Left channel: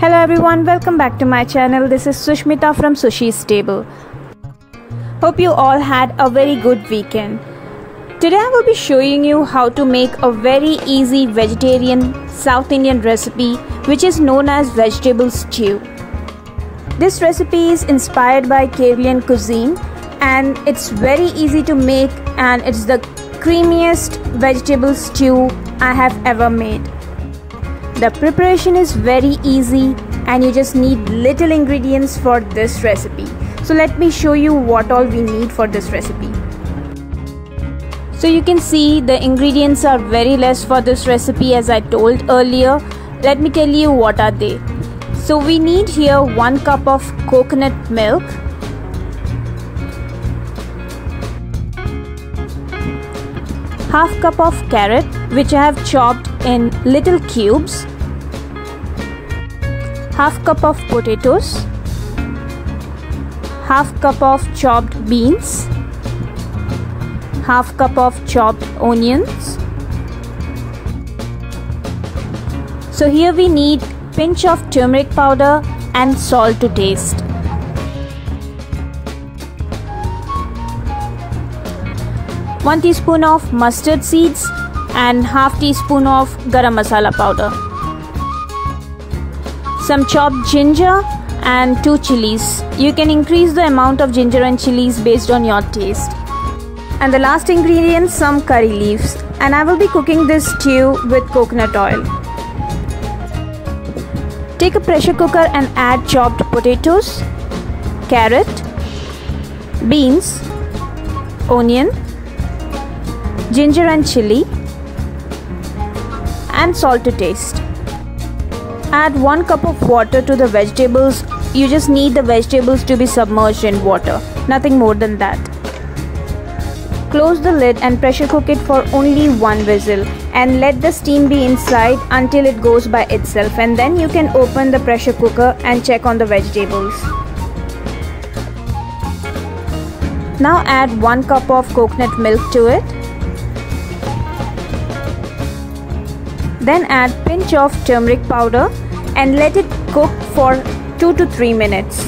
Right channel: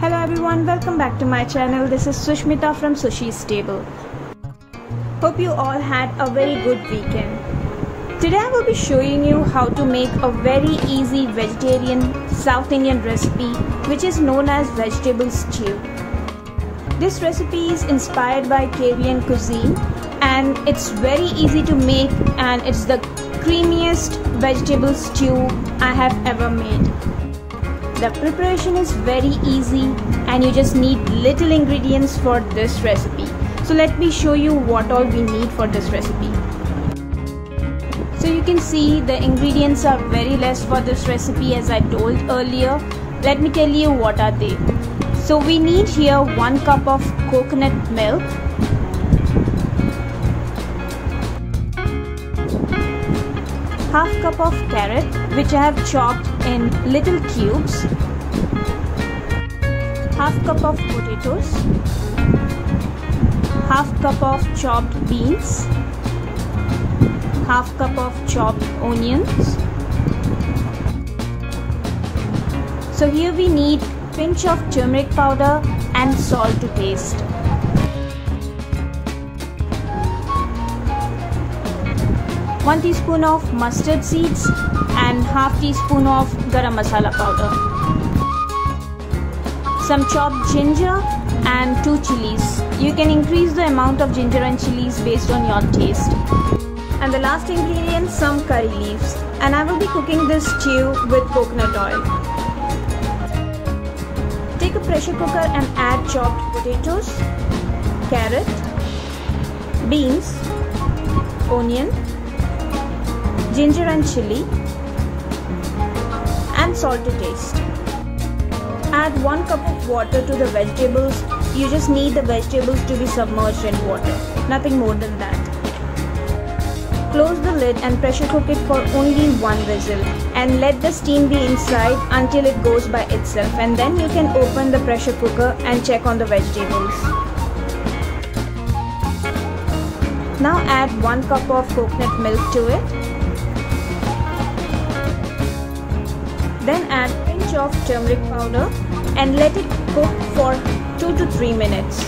Hello everyone, welcome back to my channel. This is Sushmita from Sushi's Table. Hope you all had a very good weekend. Today I will be showing you how to make a very easy vegetarian South Indian recipe which is known as vegetable stew. This recipe is inspired by Kerala cuisine and it's very easy to make, and it's the creamiest vegetable stew I have ever made. The preparation is very easy and you just need little ingredients for this recipe. So let me show you what all we need for this recipe. So you can see the ingredients are very less for this recipe as I told earlier. Let me tell you what are they. So we need here 1 cup of coconut milk, half cup of carrot which I have chopped in little cubes, half cup of potatoes, half cup of chopped beans, half cup of chopped onions. So here we need pinch of turmeric powder and salt to taste. One teaspoon of mustard seeds and half teaspoon of garam masala powder. Some chopped ginger and 2 chilies. You can increase the amount of ginger and chilies based on your taste. And the last ingredient, some curry leaves. And I will be cooking this stew with coconut oil. Take a pressure cooker and add chopped potatoes, carrot, beans, onion, ginger and chili, and salt to taste. Add 1 cup of water to the vegetables. You just need the vegetables to be submerged in water, nothing more than that. Close the lid and pressure cook it for only 1 whistle and let the steam be inside until it goes by itself, and then you can open the pressure cooker and check on the vegetables. Now add 1 cup of coconut milk to it. Then add pinch of turmeric powder and let it cook for 2 to 3 minutes.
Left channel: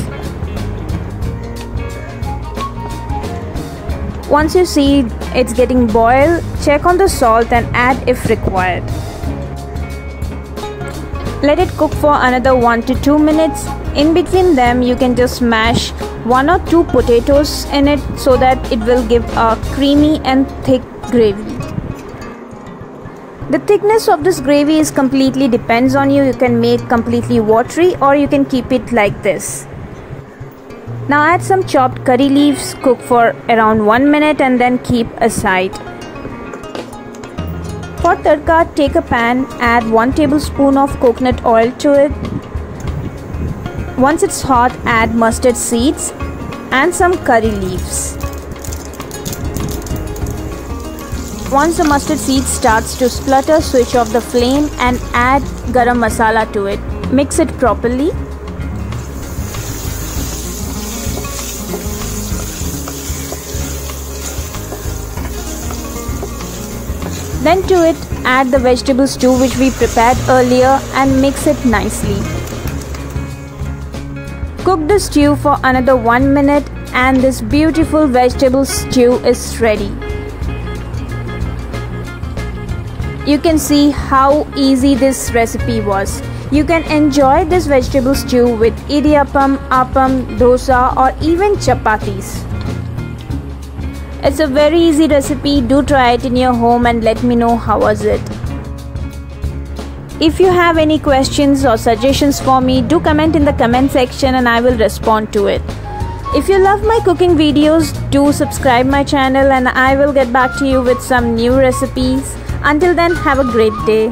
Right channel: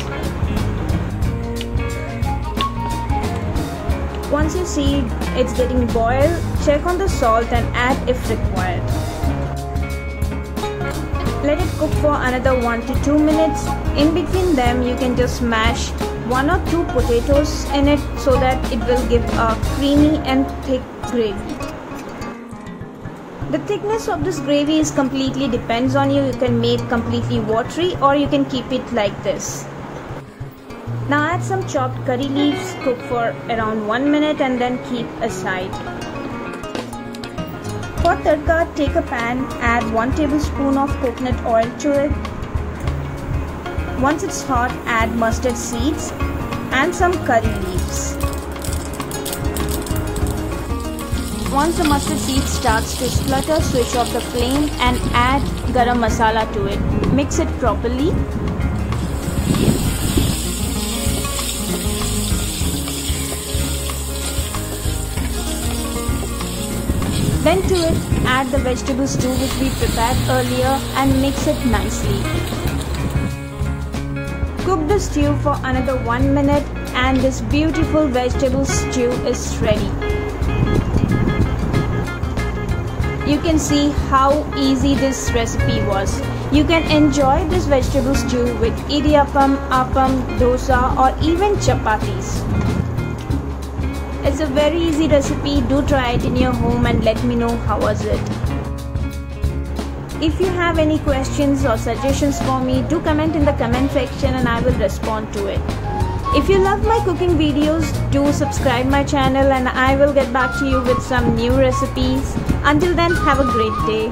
Once you see it's getting boiled, check on the salt and add if required. Let it cook for another 1 to 2 minutes. In between them, you can just mash 1 or 2 potatoes in it so that it will give a creamy and thick gravy. The thickness of this gravy is completely depends on you. You can make completely watery or you can keep it like this. Now add some chopped curry leaves, cook for around 1 minute and then keep aside. For tadka, take a pan, add 1 tablespoon of coconut oil to it. Once it's hot, add mustard seeds and some curry leaves. Once the mustard seed starts to splutter, switch off the flame and add garam masala to it. Mix it properly. Then to it, add the vegetable stew which we prepared earlier and mix it nicely. Cook the stew for another 1 minute and this beautiful vegetable stew is ready. You can see how easy this recipe was. You can enjoy this vegetable stew with idiyappam, appam, dosa or even chapatis. It's a very easy recipe. Do try it in your home and let me know how was it. If you have any questions or suggestions for me, do comment in the comment section and I will respond to it. If you love my cooking videos, do subscribe my channel and I will get back to you with some new recipes. Until then, have a great day.